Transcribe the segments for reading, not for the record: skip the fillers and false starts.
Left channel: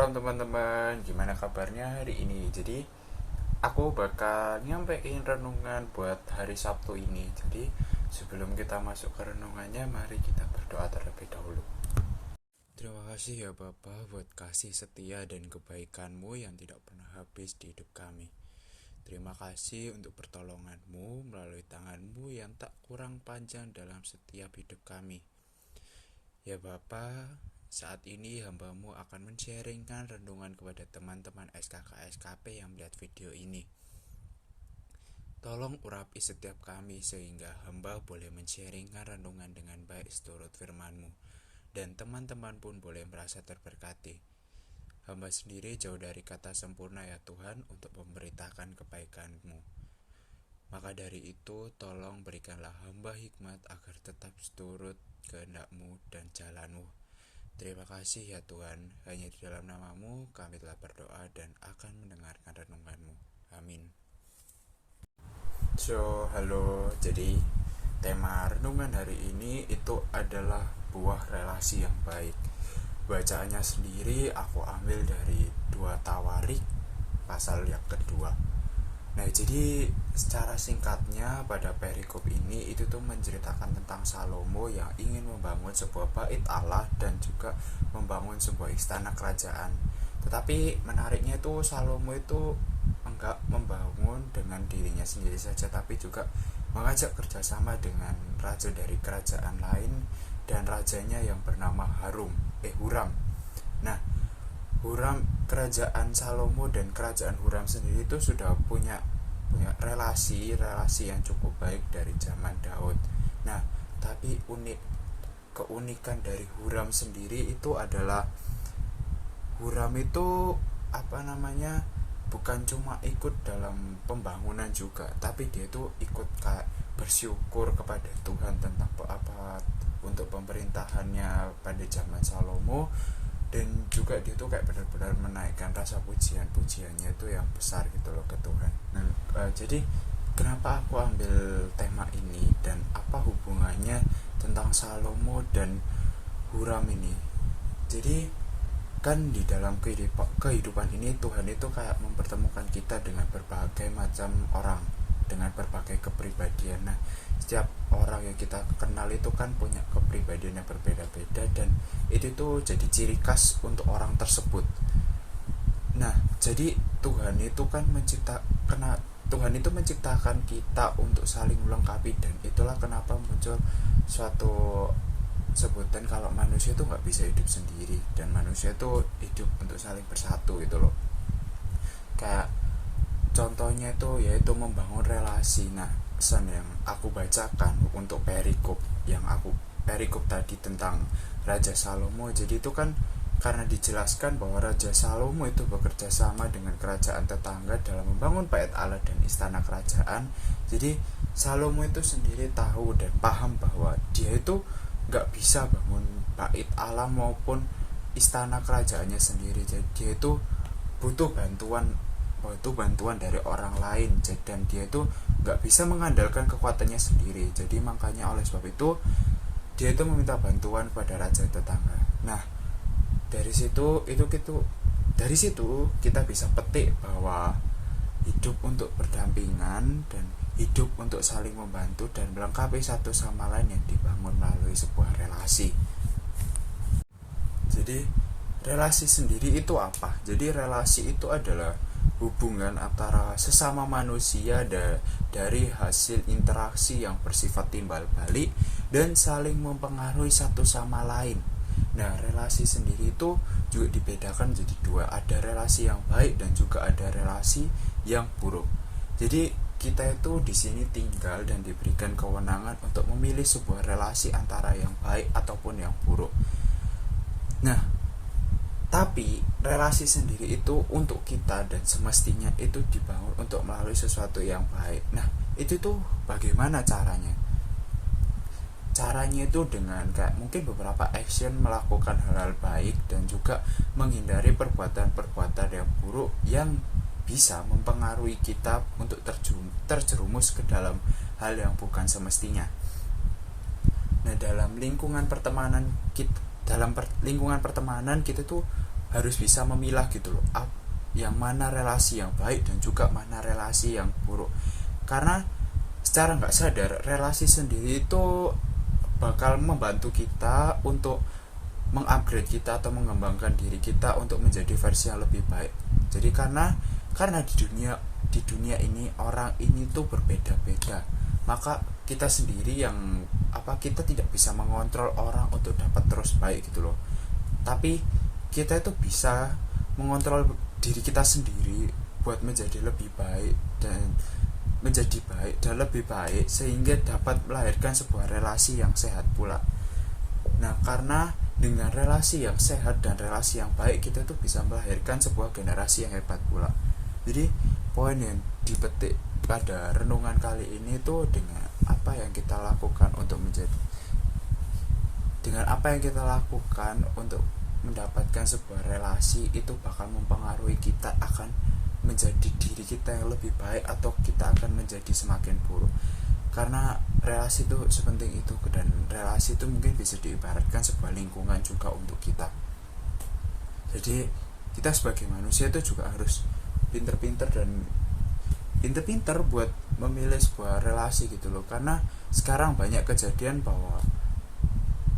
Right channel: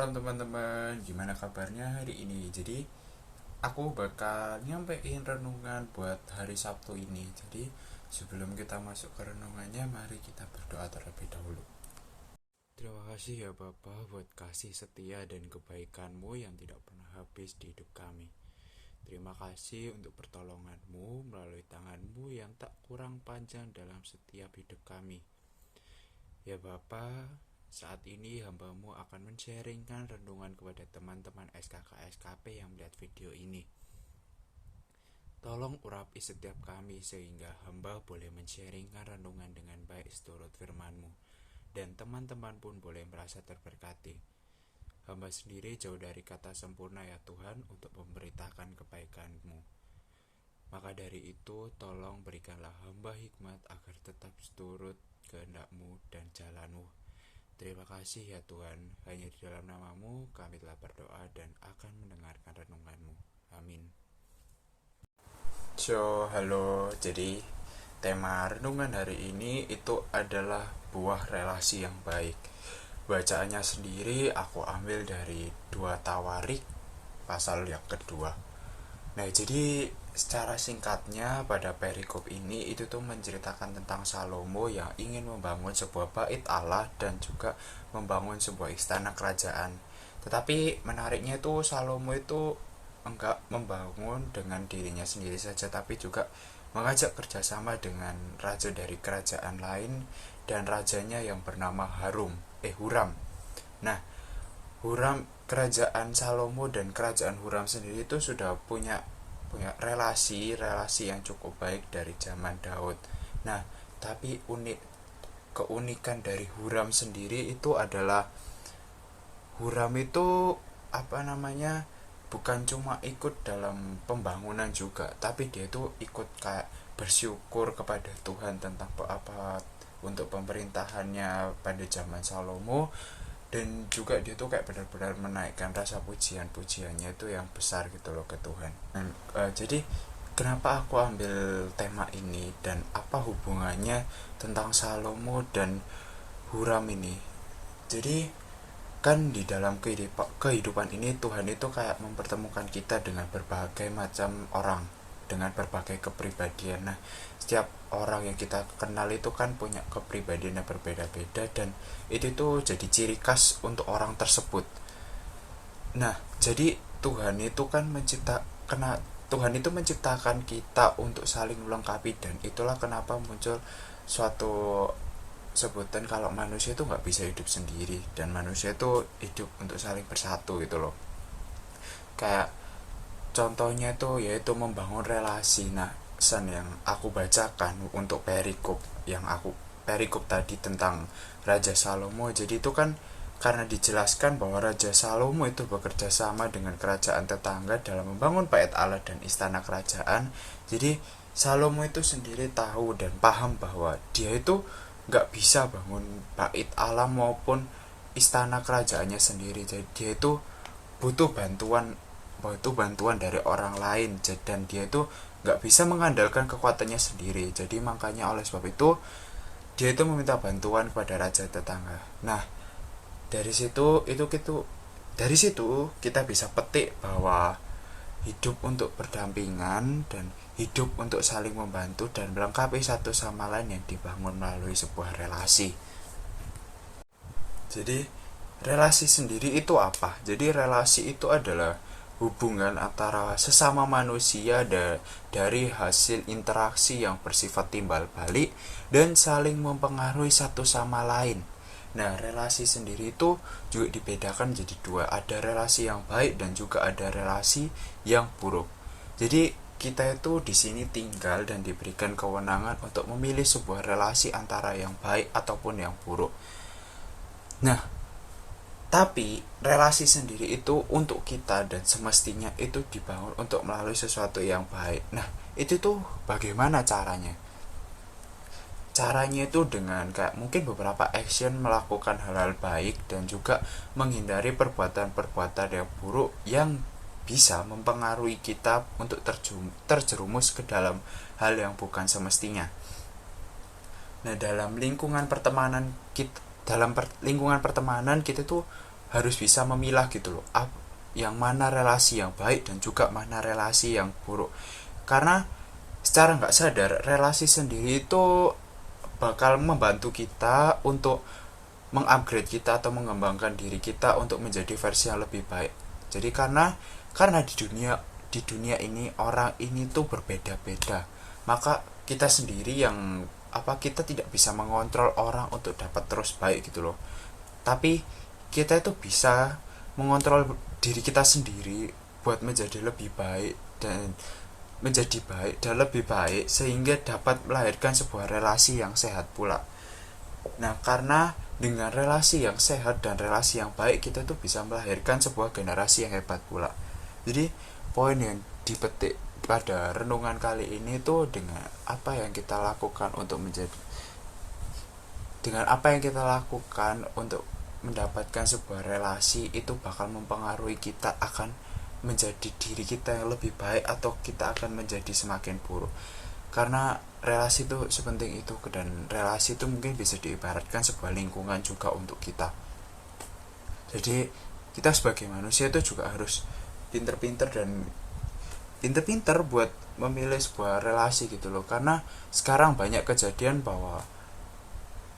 Shalom teman-teman, gimana kabarnya hari ini? Jadi aku bakal nyampein renungan buat hari Sabtu ini. Jadi sebelum kita masuk ke renungannya, mari kita berdoa terlebih dahulu. Terima kasih ya Bapa buat kasih setia dan kebaikan-Mu yang tidak pernah habis di hidup kami. Terima kasih untuk pertolongan-Mu melalui tangan-Mu yang tak kurang panjang dalam setiap hidup kami. Ya Bapa, saat ini hamba-Mu akan men-sharingkan renungan kepada teman-teman SKK-SKP yang melihat video ini. Tolong urapi setiap kami sehingga hamba boleh men-sharingkan renungan dengan baik seturut firman-Mu, dan teman-teman pun boleh merasa terberkati. Hamba sendiri jauh dari kata sempurna ya Tuhan untuk memberitakan kebaikan-Mu. Maka dari itu tolong berikanlah hamba hikmat agar tetap seturut kehendak-Mu dan jalan-Mu. Terima kasih ya Tuhan, hanya di dalam nama-Mu kami telah berdoa dan akan mendengarkan renungan-Mu. Amin. Halo, jadi tema renungan hari ini itu adalah buah relasi yang baik. Bacaannya sendiri aku ambil dari 2 Tawarik pasal yang kedua. Nah, jadi secara singkatnya pada perikop ini itu tuh menceritakan tentang Salomo yang ingin membangun sebuah bait Allah dan juga membangun sebuah istana kerajaan. Tetapi menariknya itu Salomo itu enggak membangun dengan dirinya sendiri saja, tapi juga mengajak kerjasama dengan raja dari kerajaan lain dan rajanya yang bernama Huram. Nah, kerajaan Salomo dan kerajaan Huram sendiri itu sudah punya relasi yang cukup baik dari zaman Daud. Nah, tapi keunikan dari Huram sendiri itu adalah Huram itu bukan cuma ikut dalam pembangunan juga, tapi dia itu ikut kayak bersyukur kepada Tuhan tentang untuk pemerintahannya pada zaman Salomo, dan juga dia tuh kayak benar-benar menaikkan rasa pujiannya itu yang besar gitu loh ke Tuhan. Dan jadi kenapa aku ambil tema ini dan apa hubungannya tentang Salomo dan Huram ini? Jadi kan di dalam kehidupan ini Tuhan itu kayak mempertemukan kita dengan berbagai macam orang, dengan berbagai kepribadian. Nah, setiap orang yang kita kenal itu kan punya kepribadian yang berbeda-beda, dan itu tuh jadi ciri khas untuk orang tersebut. Nah, jadi Tuhan itu menciptakan kita untuk saling melengkapi, dan itulah kenapa muncul suatu sebutan kalau manusia itu nggak bisa hidup sendiri dan manusia itu hidup untuk saling bersatu gitu loh. Kayak contohnya itu yaitu membangun relasi. Nah, yang aku bacakan untuk perikop tadi tentang Raja Salomo, jadi itu kan karena dijelaskan bahwa Raja Salomo itu bekerja sama dengan kerajaan tetangga dalam membangun bait Allah dan istana kerajaan. Jadi Salomo itu sendiri tahu dan paham bahwa dia itu nggak bisa bangun bait Allah maupun istana kerajaannya sendiri. Jadi dia itu butuh bantuan dari orang lain, dan dia itu nggak bisa mengandalkan kekuatannya sendiri. Jadi makanya oleh sebab itu dia itu meminta bantuan kepada raja tetangga. Nah, dari situ kita bisa petik bahwa hidup untuk berdampingan dan hidup untuk saling membantu dan melengkapi satu sama lain yang dibangun melalui sebuah relasi. Jadi relasi sendiri itu apa? Jadi relasi itu adalah hubungan antara sesama manusia dari hasil interaksi yang bersifat timbal balik dan saling mempengaruhi satu sama lain. Nah, relasi sendiri itu juga dibedakan jadi 2. Ada relasi yang baik dan juga ada relasi yang buruk. Jadi kita itu di sini tinggal dan diberikan kewenangan untuk memilih sebuah relasi antara yang baik ataupun yang buruk. Nah, tapi relasi sendiri itu untuk kita dan semestinya itu dibangun untuk melalui sesuatu yang baik. Nah, itu tuh bagaimana caranya? Caranya itu dengan kayak mungkin beberapa action melakukan hal-hal baik dan juga menghindari perbuatan-perbuatan yang buruk yang bisa mempengaruhi kita untuk terjerumus ke dalam hal yang bukan semestinya. Nah, dalam lingkungan pertemanan kita tuh harus bisa memilah gitu loh, yang mana relasi yang baik dan juga mana relasi yang buruk. Karena secara nggak sadar relasi sendiri itu bakal membantu kita untuk mengupgrade kita atau mengembangkan diri kita untuk menjadi versi yang lebih baik. Jadi karena di dunia ini orang ini tuh berbeda-beda, maka kita sendiri yang kita tidak bisa mengontrol orang untuk dapat terus baik gitu loh. Tapi kita itu bisa mengontrol diri kita sendiri buat menjadi lebih baik dan menjadi baik dan lebih baik sehingga dapat melahirkan sebuah relasi yang sehat pula. Nah, karena dengan relasi yang sehat dan relasi yang baik kita tuh bisa melahirkan sebuah generasi yang hebat pula. Jadi poin yang dipetik pada renungan kali ini tuh dengan apa yang kita lakukan untuk mendapatkan sebuah relasi itu bakal mempengaruhi kita akan menjadi diri kita yang lebih baik atau kita akan menjadi semakin buruk. Karena relasi itu sepenting itu, dan relasi itu mungkin bisa diibaratkan sebuah lingkungan juga untuk kita. Jadi kita sebagai manusia itu juga harus pinter-pinter buat memilih sebuah relasi gitu loh. Karena sekarang banyak kejadian bahwa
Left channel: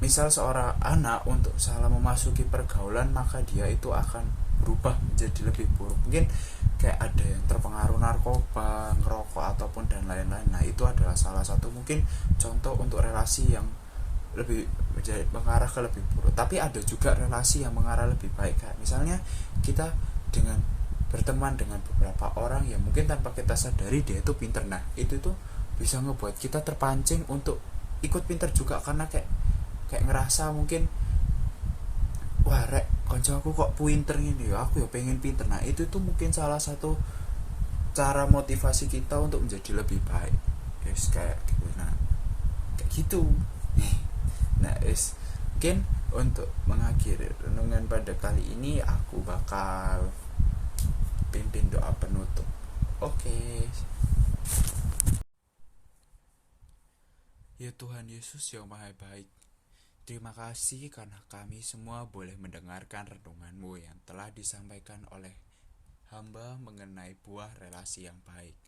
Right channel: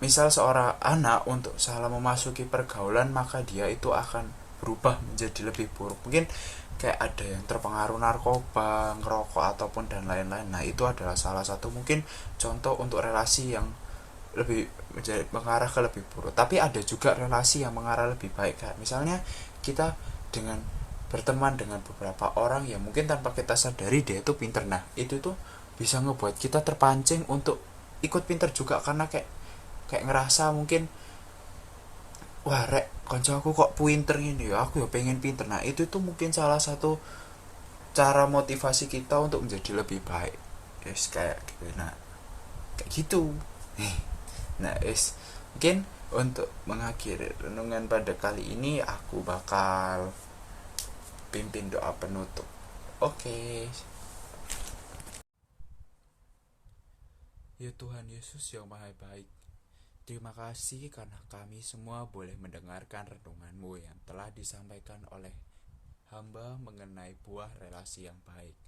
misal seorang anak untuk salah memasuki pergaulan, maka dia itu akan berubah menjadi lebih buruk. Mungkin kayak ada yang terpengaruh narkoba, ngerokok ataupun dan lain-lain. Nah, itu adalah salah satu mungkin contoh untuk relasi yang lebih mengarah ke lebih buruk. Tapi ada juga relasi yang mengarah lebih baik. Kayak misalnya kita dengan berteman dengan beberapa orang yang mungkin tanpa kita sadari dia itu pinter. Nah, itu tuh bisa ngebuat kita terpancing untuk ikut pinter juga, karena kayak ngerasa mungkin wah rek konco aku kok pinter ini ya, aku ya pengen pinter. Nah, itu tuh mungkin salah satu cara motivasi kita untuk menjadi lebih baik. Yes, kayak gitu. Nah, kayak gitu. Nah, mungkin untuk mengakhiri renungan pada kali ini aku bakal pimpin doa penutup. Oke. Ya Tuhan Yesus yang Maha Baik, terima kasih karena kami semua boleh mendengarkan renungan-Mu yang telah disampaikan oleh hamba mengenai buah relasi yang baik.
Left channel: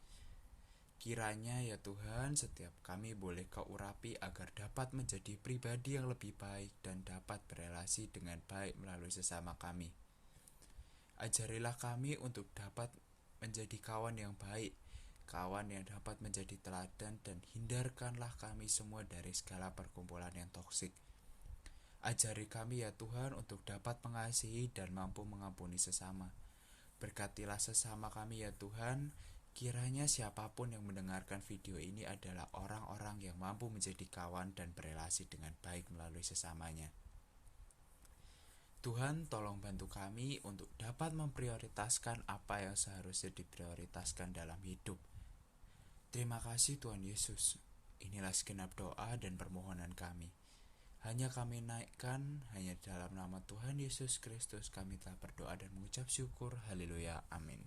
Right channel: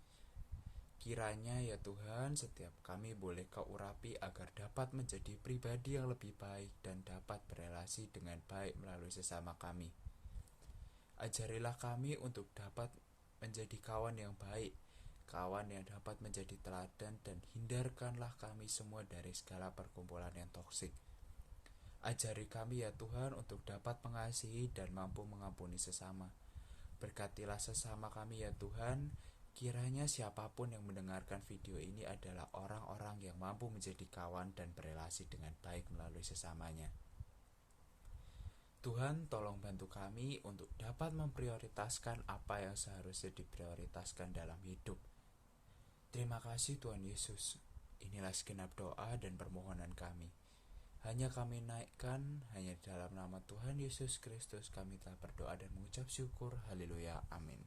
Kiranya ya Tuhan, setiap kami boleh Kau urapi agar dapat menjadi pribadi yang lebih baik dan dapat berelasi dengan baik melalui sesama kami. Ajarilah kami untuk dapat menjadi kawan yang baik, kawan yang dapat menjadi teladan, dan hindarkanlah kami semua dari segala perkumpulan yang toksik. Ajari kami ya Tuhan untuk dapat mengasihi dan mampu mengampuni sesama. Berkatilah sesama kami ya Tuhan. Kiranya siapapun yang mendengarkan video ini adalah orang-orang yang mampu menjadi kawan dan berelasi dengan baik melalui sesamanya. Tuhan, tolong bantu kami untuk dapat memprioritaskan apa yang seharusnya diprioritaskan dalam hidup. Terima kasih Tuhan Yesus. Inilah segenap doa dan permohonan kami. Hanya kami naikkan, hanya dalam nama Tuhan Yesus Kristus kami telah berdoa dan mengucap syukur. Haleluya. Amin.